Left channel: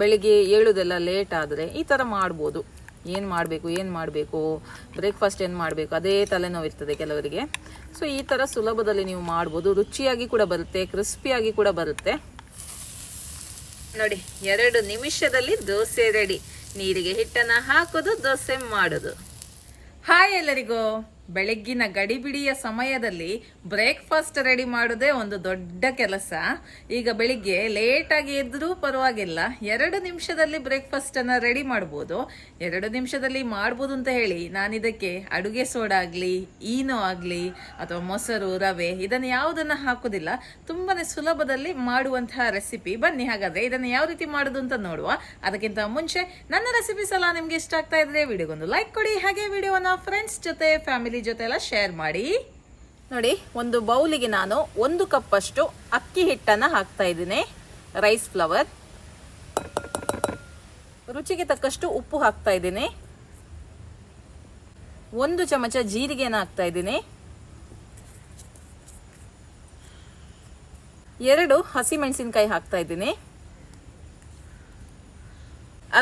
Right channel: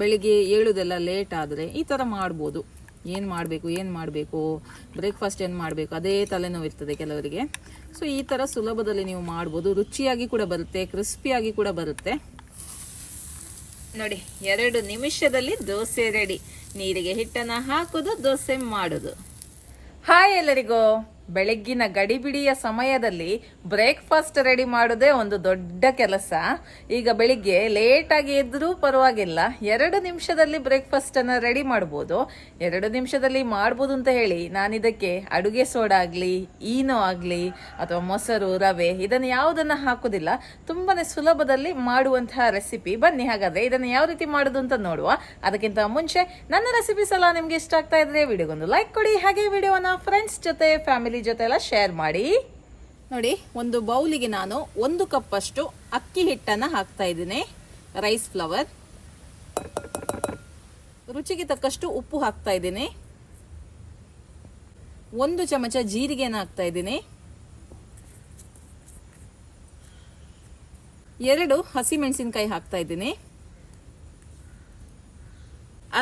ಬೆಳಿಗ್ಗೆ ಏಳುದೆಲ್ಲ ಲೇಟ್ ಆದರೆ ಈ ಥರ ಮಾಡ್ಬೋದು. ಏನು ಮಾಡಬೇಕು ಬ್ರೇಕ್ಫಾಸ್ಟ್ ಏನು ಮಾಡಬೇಕು ಅದೇ ತಲೆನೋವು ಇರ್ತದೆ ಕೆಲವರಿಗೆ. ಸೊ ಈ ಥರ ಸುಲಭದಲ್ಲಿ ನೀವು ಮಾಡ್ಬೋದು. ರುಚಿಯಾಗಿ ಕೂಡ ಬರುತ್ತೆ, ಕ್ರಿಸ್ಪಿಯಾಗಿ ಕೂಡ ಬರುತ್ತೆ. ನೋಡಿ 2 ನಿಮಿಷದಲ್ಲಿ ದೋಸೆ ರೆಡಿ. ನೀರಿಗೆ ಹಿಟ್ಟನ್ನು ಹಾಕೋದು, ದೋಸೆ ಮಾಡೋದು. ಹಾಯ್ ಎಲ್ಲರಿಗೂ. ಬೆಳಗ್ಗಿನ ಗಡಿಬಿಡಿಯ ಸಮಯದಲ್ಲಿ ಬ್ರೇಕ್ಫಾಸ್ಟ್ ರೆಡಿ ಮಾಡೋದೇ ಒಂದು ದೊಡ್ಡ ಕೆಲಸ. ಈಗ ಬೆಳಿಗ್ಗೆ ಲೇಟಾಗಿ ಎದ್ರೂ ಪರವಾಗಿಲ್ಲ, 2 ನಿಮಿಷದಲ್ಲಿ ಬ್ರೇಕ್ಫಾಸ್ಟ್ ಅನ್ನ ರೆಡಿ ಮಾಡ್ಬೋದು. 2 ನಿಮಿಷದಲ್ಲಿ ಮಾಡ್ಬೋದು ಅಂತ ಹೇಳಿ ನಾನಿದಕ್ಕೆ ಅಡುಗೆ ಸೋಡಾ ಆಗ್ಲಿ, ಈನೋ ಆಗ್ಲಿ ಅಥವಾ ಮೊಸರು, ರವೆ ಇದನ್ನು ಯಾವುದನ್ನ ಹಾಕೋದಿಲ್ಲ. ತುಂಬಾನೇ ಸುಲಭದಲ್ಲಿ ಮಾಡುವಂತಹ ರೆಸಿಪಿ. ಬನ್ನಿ ಹಾಗಾದ್ರೆ ಇದನ್ನು ಯಾವ ರೀತಿ ಮಾಡೋದು ಅಂತ ನೋಡುವ. ಅದಕ್ಕಿಂತ ಮುಂಚೆ ನನ್ನ ರೆಸಿಪೀಸ್ ಎಲ್ಲ ನಿಮ್ಗೆ ಇಷ್ಟ ಆಗ್ತಾ ಇದ್ರೆ ವಿಡಿಯೋಗೊಂದು ಲೈಕ್ ಕೊಡಿ. ಹಾಗೆ ವಿಡಿಯೋನ ಫ್ರೆಂಡ್ಸ್ ಜೊತೆ, ಫ್ಯಾಮಿಲಿ ಜೊತೆ ಎಲ್ಲ ಶೇರ್ ಮಾಡಿ. ನೋಡಿ, ಒಂದು ಬೌಲಿಗೆ ನಾನು 1 ಕಪ್ ಅಷ್ಟು ಅಕ್ಕಿ ಹಿಟ್ಟನ್ನ ಹಾಕ್ತಾ ಇದ್ದೀನಿ, ರೈಸ್ ಫ್ಲವರ್. ರುಚಿಗೆ ತಕ್ಕಷ್ಟು ಉಪ್ಪು ಹಾಕ್ತಾ ಇದ್ದೀನಿ. 1 ಚಮಚ ಜೀರಿಗೆನ ಹಾಕ್ತಾ ಇದ್ದೀನಿ. 2 ಹಸಿಮೆಣಸಿನಕಾಯಿ ಹಾಕ್ತಾ ಇದ್ದೀನಿ.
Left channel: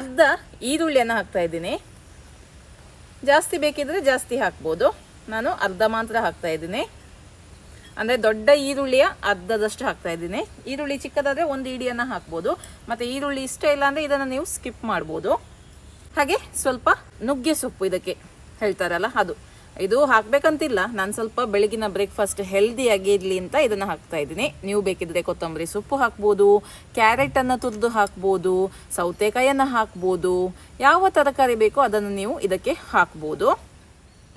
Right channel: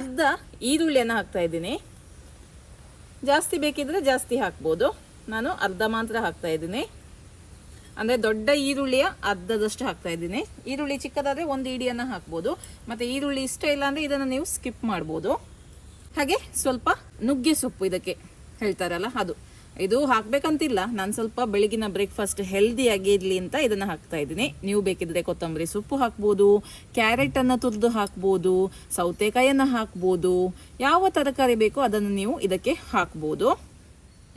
ಅರ್ಧ ಈರುಳ್ಳಿಯನ್ನು ಹಾಕ್ತಾ ಇದ್ದೀನಿ. ಜಾಸ್ತಿ ಬೇಕಿದ್ರೆ ಜಾಸ್ತಿ ಹಾಕ್ಬೋದು. ನಾನು ಅರ್ಧ ಮಾತ್ರ ಹಾಕ್ತಾ ಇದ್ದೀನಿ. ಅಂದರೆ ದೊಡ್ಡ ಈರುಳ್ಳಿಯ ಅರ್ಧದಷ್ಟು ಹಾಕ್ತಾ ಇದ್ದೀನಿ. ಈರುಳ್ಳಿ ಚಿಕ್ಕದಾದರೆ 1 ಇಡಿಯನ್ನು ಹಾಕ್ಬೋದು. ಮತ್ತು ಈರುಳ್ಳಿ ಇಷ್ಟ ಇಲ್ಲ ಅಂದರೆ ಇದನ್ನು ನೀವು ಸ್ಕಿಪ್ ಮಾಡ್ಬೋದು. ಹಾಗೆ ಸ್ವಲ್ಪ ನುಗ್ಗೆ ಸೊಪ್ಪು, ಇದಕ್ಕೆ ಹೇಳ್ತಾರಲ್ಲ ಅದು, ಇದು ಹಾಕ್ಬೇಕಂತಿಲ್ಲ. ನಾನು ಸ್ವಲ್ಪ ಬೆಳಗಿನ ಬ್ರೇಕ್ಫಾಸ್ಟ್ ಹೆಲ್ದಿಯಾಗಿ ಇರಲಿ ಅಂತ ಇದನ್ನು ಹಾಕ್ತಾ ಇದ್ದೀನಿ. ನೀವು ಬೇಕಿದ್ರೆ ಕೊತ್ತಂಬರಿ ಸೊಪ್ಪು ಹಾಕ್ಬೋದು, ಕ್ಯಾರೆಟನ್ನು ತುರಿದು ಹಾಕ್ಬೋದು, ಸೌತೆಕಾಯಿಯನ್ನು ಹಾಕ್ಬೋದು. ಯಾವ ತರಕಾರಿ ಬೇಕೋ ಅದನ್ನು ನೀವು ಇದಕ್ಕೆ ಹಾಕ್ಬೋದು.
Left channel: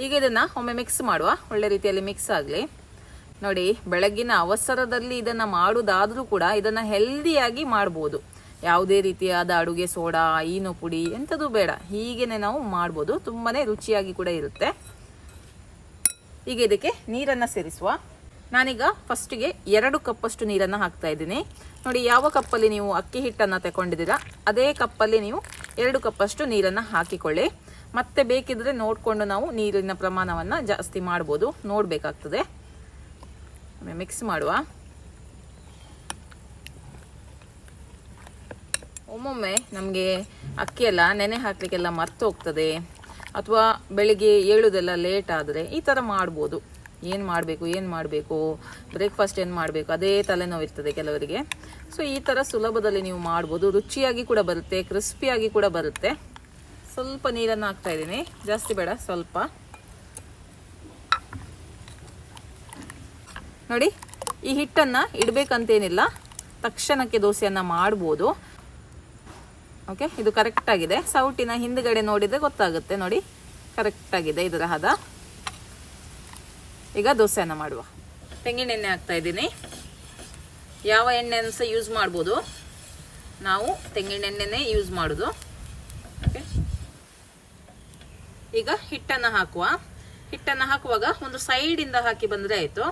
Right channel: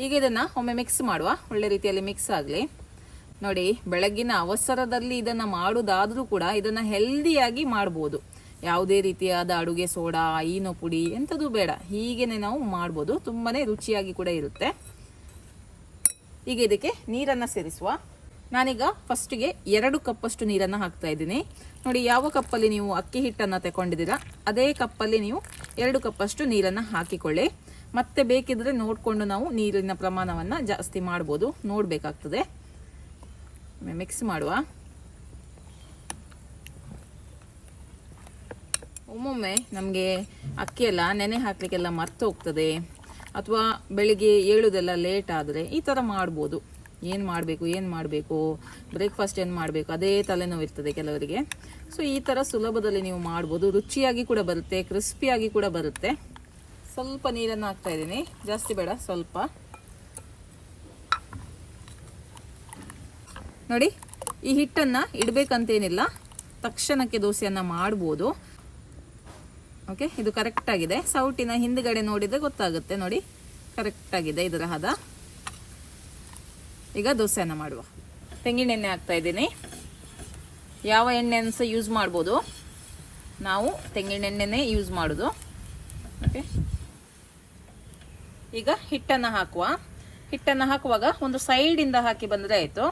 ಈಗ ಇದನ್ನು ಒಮ್ಮೆ ಮಿಕ್ಸ್ ಮಾಡುವ, ಒಳ್ಳೆ ರೀತಿಯಲ್ಲಿ ಮಿಕ್ಸ್ ಆಗಲಿ. ನೋಡಿ, ಬೆಳಗ್ಗಿನ ಅವಸರದಲ್ಲಿ ಇದನ್ನು ಮಾಡೋದಾದರೂ ಕೂಡ ಇದನ್ನು ಹೆಲ್ದಿಯಾಗಿ ಮಾಡ್ಬೋದು. ಯಾವುದೇ ರೀತಿಯಾದ ಅಡುಗೆ ಸೋಡಾ, ಈನೋ ಪುಡಿ ಎಂಥದ್ದು ಬೇಡ, ಹೀಗೇನೆ ನಾವು ಮಾಡ್ಬೋದು. ತುಂಬಾ ರುಚಿಯಾಗಿ ಕೂಡ ಇರುತ್ತೆ. ಈಗ ಇದಕ್ಕೆ ನೀರನ್ನು ಸೇರಿಸುವ. ನಾನೀಗ ಫಸ್ಟಿಗೆ 2 ಕಪ್ಪಷ್ಟು ನೀರನ್ನು ಹಾಕ್ತಾ ಇದ್ದೀನಿ. ನೋಡಿ, ಯಾವ ಕಪ್ಪಲ್ಲಿ ನೀವು ಅಕ್ಕಿ ಹಿಟ್ಟನ್ನು ತಗೊಂಡಿದ್ದೀರಾ ಅದೇ ಕಪ್ಪಲ್ಲಿ ನೀವು 2 ಕಪ್ಪಷ್ಟು ನೀರನ್ನು ಹಾಕಿಕೊಳ್ಳಿ. ಮತ್ತೆ ಬೇಕಿದ್ರೆ ನೋಡಿಕೊಂಡು ನಾವು ನೀರಿನ ಪ್ರಮಾಣವನ್ನು ಜಾಸ್ತಿ ಮಾಡ್ಬೋದು, ನೋಡಬೇಕಾಗ್ತದೆ. ಮಿಕ್ಸ್ ಮಾಡುವ. ಒಮ್ಮೊಮ್ಮೆ ನಮಗೆ ಅಕ್ಕಿ ಎಲ್ಲ ನೆನೆ ಹಾಕಲಿಕ್ಕೆಲ್ಲ ಮರ್ತು ಹೋಗ್ತದೆ, ಅಥವಾ ಬೆಳಿಗ್ಗೆ ಏಳುದೆಲ್ಲ ಲೇಟ್ ಆದರೆ ಈ ಥರ ಮಾಡ್ಬೋದು. ಏನು ಮಾಡಬೇಕು ಬ್ರೇಕ್ಫಾಸ್ಟ್ ಏನು ಮಾಡಬೇಕು ಅದೇ ತಲೆನೋವು ಇರ್ತದೆ ಕೆಲವರಿಗೆ. ಸೊ ಈ ಥರ ಸುಲಭದಲ್ಲಿ ನೀವು ಮಾಡ್ಬೋದು. ರುಚಿಯಾಗಿ ಕೂಡ ಬರುತ್ತೆ, ಕ್ರಿಸ್ಪಿಯಾಗಿ ಕೂಡ ಬರುತ್ತೆ. ಸ್ವಲ್ಪ ನೀರನ್ನು ಹಾಕ್ತಾ ಇದ್ದೀನಿ, ಜಾಸ್ತಿ ಬೇಡ, ಸ್ವಲ್ಪ. ನೋಡಿ, ಈ ಹಿಟ್ಟನ್ನು ಇಡಬೇಕಂತೇನಿಲ್ಲ, ತಕ್ಷಣಕ್ಕೆ ದೋಸೆಯನ್ನು ಮಾಡ್ಬೋದು. ಓಕೆ, ಇದು ಕರೆಕ್ಟ್ ಆಗಿದೆ. ಸೌಟಿನ ಹಿಂದ್ಗಡೆ ನೋಡಿದರೆ ಗೊತ್ತಾಗುತ್ತೆ. ನೋಡಿ, ಕರೆಕ್ಟ್ ಆಗಿದೆ ಇದರ ಹದ. ಈಗ ದೋಸೆಯನ್ನು ಮಾಡುವ. ತೆಂಗಿನ ಎಣ್ಣೆ ಹಾಕ್ತಾ ಇದ್ದೀನಿ. ಯಾವ ಎಣ್ಣೆಯನ್ನು ಸಹ ಯೂಸ್ ಮಾಡ್ಬೋದು, ನಾವು ತೆಂಗಿನ ಎಣ್ಣೆನೇ ಯೂಸ್ ಮಾಡೋದು. ಓಕೆ, ಈಗ ಹಿಟ್ಟನ್ನು ಹಾಕುವ. ಹಿಟ್ಟನ್ನು ಹಾಕುವಾಗ ಒಂದು ಸೈಡಿಂದ ಹಾಕಿ ಬಂದರೆ ಆಯಿತು.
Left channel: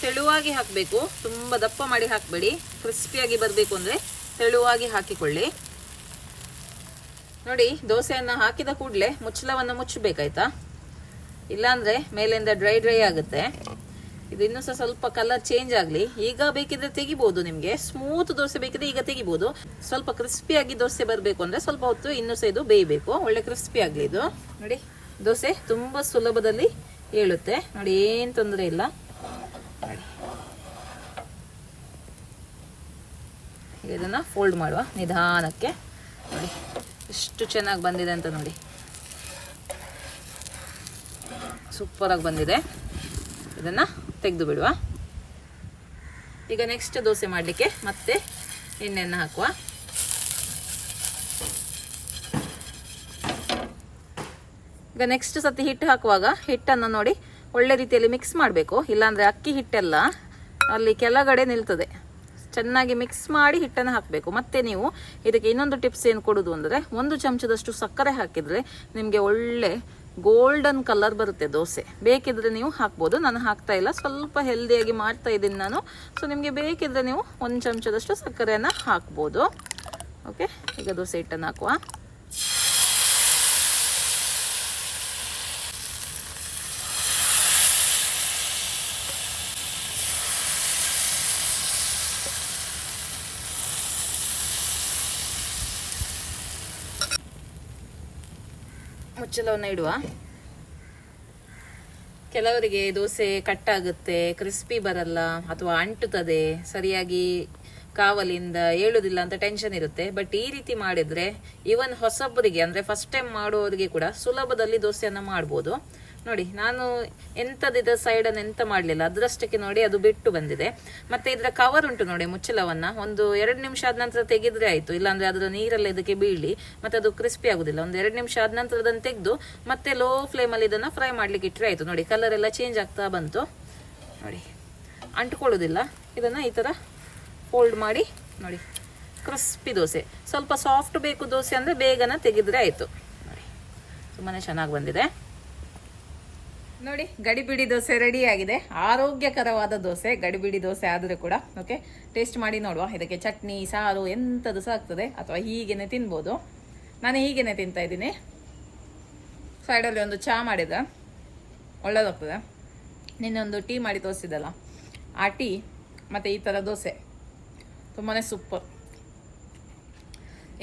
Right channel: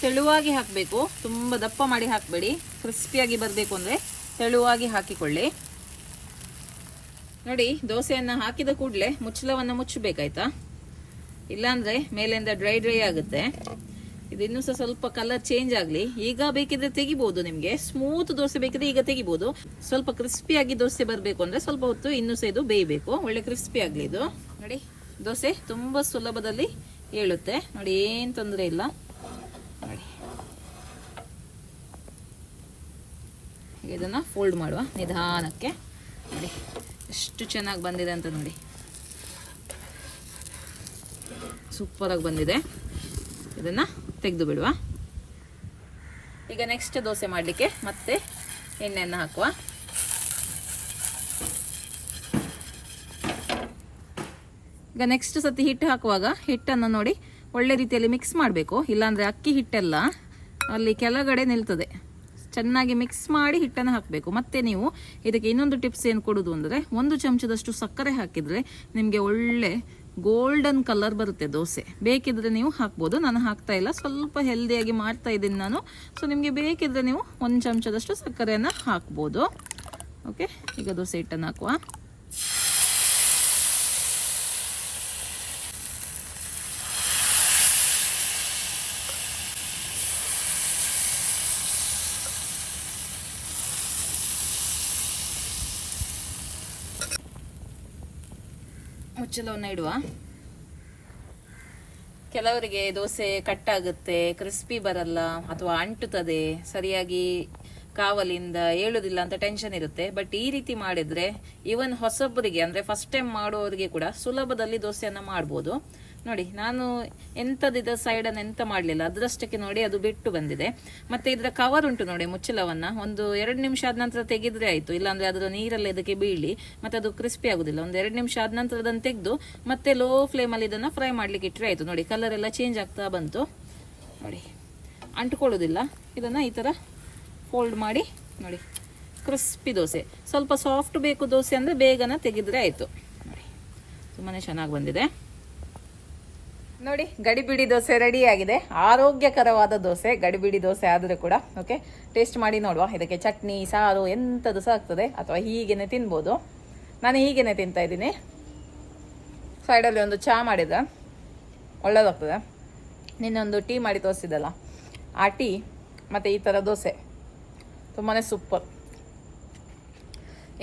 ತೆಳುವಾಗಿ ಹಾಕಬೇಕು, ತುಂಬ ದಪ್ಪ ಮಾಡಿ ಹಾಕಬೇಡಿ. ಕ್ರಿಸ್ಪಿಯಾಗಿ ಬರಬೇಕು ಅಂದರೆ ತೆಳುವಾಗಿ ಹಾಕಿಕೊಳ್ಳಿ. ನೋಡಿ, ದೋಸೆಯನ್ನು ಹಾಕಿದ ಕೂಡಲೇ ಮುಚ್ಚಳವನ್ನು ಮುಚ್ಚಬೇಕಾಯ್ತಾ, ಇಲ್ಲಾಂದರೆ ಮೇಲಿಂದ ಡ್ರೈ ಆಗುತ್ತೆ. ಇದು ಇನ್ನೂ ಸಹ ಸ್ವಲ್ಪ ಕಲರ್ ಚೇಂಜ್ ಆಗಲಿ. ಈಗ ಬೇಕಿದ್ರೆ ತೆಗಿಬೋದು, ನಿಮಗೆ ಸ್ಮೂತ್ ದೋಸೆ ಬೇಕಿದ್ರೆ ಈಗ ತೆಗಿಬೋದು. ಸ್ವಲ್ಪ ಕ್ರಿಸ್ಪಿಯಾಗಿ ದೋಸೆ ಬರಬೇಕು ಅಂದರೆ ಸ್ವಲ್ಪ ಹೊತ್ತು ಇನ್ನೂ ಸಹ ಇದು ಬೇಯಬೇಕು. ಒಳ್ಳೆ ಕ್ರಿಸ್ಪಿ ಆಗಲಿ ಇದು. ನೋಡಿ, ದೋಸೆ ತುಂಬ ಸುಲಭದಲ್ಲಿ ಏಳುತ್ತೆ. ನೋಡಿ, ಏನು ತೊಂದರೆ ಇಲ್ಲ. ಇದನ್ನು ಫೋಲ್ಡ್ ಮಾಡುವ ನಿಧಾನಕ್ಕೆ. ನೋಡಿ ಎಷ್ಟು ಚೆನ್ನಾಗಿ ಬಂದಿದೆ ಅಂತ ನೋಡಿ, ಸೂಪರಾಗಿ ಬಂದಿದೆ. ಇದನ್ನು ತೆಗೆದು ಬಿಡುವ. ಈಗ ನೆಕ್ಸ್ಟ್ ದೋಸೆ ಮಾಡಲಿಕ್ಕೆ ಮತ್ತೆ ಎಣ್ಣೆಯನ್ನು ಹಾಕುವ. ಈಗ ನೆಕ್ಸ್ಟ್ ಸತಿ ಹಿಟ್ಟು ಹಾಕುವಾಗ ಹಿಟ್ಟನ್ನು ನೋಡಿ ಒಳ್ಳೆ ರೀತಿಯಲ್ಲಿ ಮಿಕ್ಸ್ ಮಾಡಬೇಕು, ಇಲ್ಲಾಂದರೆ ಅಕ್ಕಿ ಹಿಟ್ಟೆಲ್ಲ ಅಲ್ಲಿ ಕೆಳಗಡೆ ನಿಲ್ತದೆ. ಚೆನ್ನಾಗಿ ಮಿಕ್ಸ್ ಮಾಡಿ ಹಿಟ್ಟನ್ನು ಹಾಕಬೇಕು. ಮತ್ತೆ ನೀವು ಇದಕ್ಕೆ ಇನ್ನೊಂದು ಟಿಪ್ಸ್ ಏನು ಕೊಡೋದು ಅಂದರೆ, 1 ಚಮಚದಷ್ಟು ಸಕ್ಕರೆ ಹಾಕಿದರೆ ನಿಮಗೆ ಒಳ್ಳೆ ಗೋಲ್ಡನ್ ಕಲರ್ ಬರುತ್ತೆ ದೋಸೆ. ಬೇಕಿದ್ರೆ ನೀವು ಹಾಕ್ಬೋದು, ನಾನು ಹಾಕ್ತಾ ಇಲ್ಲ, ಸ್ವಲ್ಪ ಹೆಲ್ದಿಯಾಗಿ ಮಾಡ್ತಾ ಇದ್ದೀನಿ ನಾನು. ಸೊ ನಿಮಗೆ ಬೇಕಿದ್ರೆ ನೀವು 1 ಚಮಚದಷ್ಟು ಸಕ್ಕರೆಯನ್ನು ಹಾಕ್ಬೋದು. ಓಕೆ, ಈಗ ದೋಸೆ ಹಿಟ್ಟನ್ನು ಹಾಕುವ. ಮುಚ್ಚಳವನ್ನು ಇಡುವ. ಕೆಲವರಿಗೆ ದೋಸೆ ಕಟ್ಟಾಗುತ್ತೆ, ಕ್ರಿಸ್ಪಿ ಬರಲ್ಲ, ಅಥವಾ ಅಂಟುತ್ತದೆ, ಸರಿಯಾಗಿ ಕಾವಲಿಂದ ಏಳುದಿಲ್ಲ ಅಂತ ಟೆನ್ಷನ್ ಇರುತ್ತೆ. ಬಟ್ ಈ ರೀತಿ ಮಾಡಿದ್ರೆ ಇವನ್ ಹೊಸಬರಿಗೆ ಅಂದ್ರೆ ಫಸ್ಟ್ ಟೈಮ್ ಮಾಡುವವರಿಗೆ ಕೂಡ ಸುಲಭದಲ್ಲಿ ದೋಸೆಯನ್ನ ಮಾಡ್ಬೋದು. ನೋಡಿ, ನಾನು ಎಂಥದಿದ ಸೈಡನ್ನು ಎಂತ ಮಾಡಲಿಲ್ಲ, ಅದರಷ್ಟಕ್ಕೆ ನೋಡಿ ಅದು ಬಿಟ್ಟು ಬಂದಿದೆ. ಮತ್ತೆ ಇದರ ಕವರ್ ಉಂಟು ನೋಡಿ, ಮುಚ್ಚಳವನ್ನ ಒಂದು 2 ನಿಮಿಷ ಆದ ನಂತರ ತೆಗೆದ್ರೆ ಆಯ್ತು, ಇಲ್ಲಾಂದ್ರೆ ಅದರ ನೀರೆಲ್ಲ ಇದಕ್ಕೆ ಬೀಳಿ ಮತ್ತೆ ಅದು ಕ್ರಿಸ್ಪಿ ಆಗುದಿಲ್ಲ. ಒಂದು 2 ನಿಮಿಷ ಆದ ನಂತರ ಅದನ್ನು ತೆಗೆದು ಮತ್ತೆ ಲೋ ಫ್ಲೇಮಲ್ಲಿ ಇದನ್ನ ಫ್ರೈ ಮಾಡ್ಲಿಕ್ಕೆ ಇಟ್ಟರೆ ಆಯ್ತು. ನೋಡಿ, ಕಲರ್ ಎಲ್ಲ ಚೇಂಜ್ ಆಗ್ತಾ ಬಂತು. ನೋಡಿ, ಅಂಟ್ಕೊಳ್ಳೋದಿಲ್ಲ. ಇದನ್ನ ಈ ತರ ಫೋಲ್ಡ್ ಮಾಡಿ ನೋಡಿ, ಕ್ರಿಸ್ಪಿ ದೋಸೆ. ಸ್ವಲ್ಪ ಸಾಫ್ಟ್ ಬೇಕು ದೋಸೆ ಅಂದ್ರೆ ಬೇಗನೆ ತೆಗೆದ್ರೆ ಆಯ್ತು. ನೋಡಿ, ತುಂಬಾನೇ ಚೆನ್ನಾಗಿ ಬಂದಿದೆ. ನೋಡಿ, ಗಡಿಬಿಡಿ ದೋಸೆ ರೆಡಿ ಆಗಿದೆ. ಆರೋಗ್ಯಕರವಾದ ದೋಸೆ, ಗಡಿಬಿಡಿ ದೋಸೆ ಆದರೂ ಕೂಡ. ಓಕೆ, ಟೇಸ್ಟ್ ಮಾಡಿ ನೋಡುವ. ಇದಕ್ಕೆ ಚಟ್ನಿ, ಸಾರು ಎಂಥದ್ದು ಸಹ ಆಗ್ತದೆ, ಅಥವಾ ಹೀಗೇನೆ ತಿನ್ಬೋದು. ನಾನು ಹೀಗೇನೆ ತಿಂತಾ ಇದ್ದೀನಿ. ಸೈಡಲ್ಲಿ ಒಂದು ಚಹಾ ಮಾಡಿದ್ರೆ ಒಳ್ಳೇದಾಗ್ತದೆ. ನಿನ್ನೊಂದು ಟೀ ಮಾಡಿ ತೋರಿಸಿದಲ್ಲ, ಆ ಟೀ ಮತ್ತು ಈ ಥರ ದೋಸೆ ತುಂಬಾ ಸೂಪರ್.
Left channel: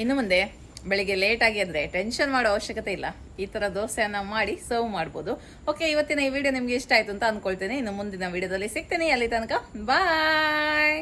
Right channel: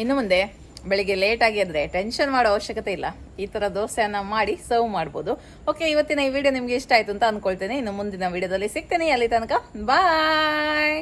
ಇನ್ನು ಮುಂದೆ ಬೆಳಿಗ್ಗೆ ಲೇಟಾಗಿ ಆದರೆ ಟೆನ್ಷನ್ ಮಾಡೋ ಅವಶ್ಯಕತೆ ಇಲ್ಲ. ಈ ಥರ ದೋಸೆಯನ್ನು ಮಾಡಿ ಸರ್ವ್ ಮಾಡ್ಬೋದು. ಓಕೆ, ಇವತ್ತಿನ ಈ ವಿಡಿಯೋ ನಿಮಗೆ ಇಷ್ಟ ಆಯಿತು ಅಂತ ಅಂದ್ಕೊಳ್ತೇನೆ. ಇನ್ನು ಮುಂದಿನ ವಿಡಿಯೋದಲ್ಲಿ ಸಿಗ್ತೇನೆ. ಅಲ್ಲಿ ತನಕ ಬಾಯ್.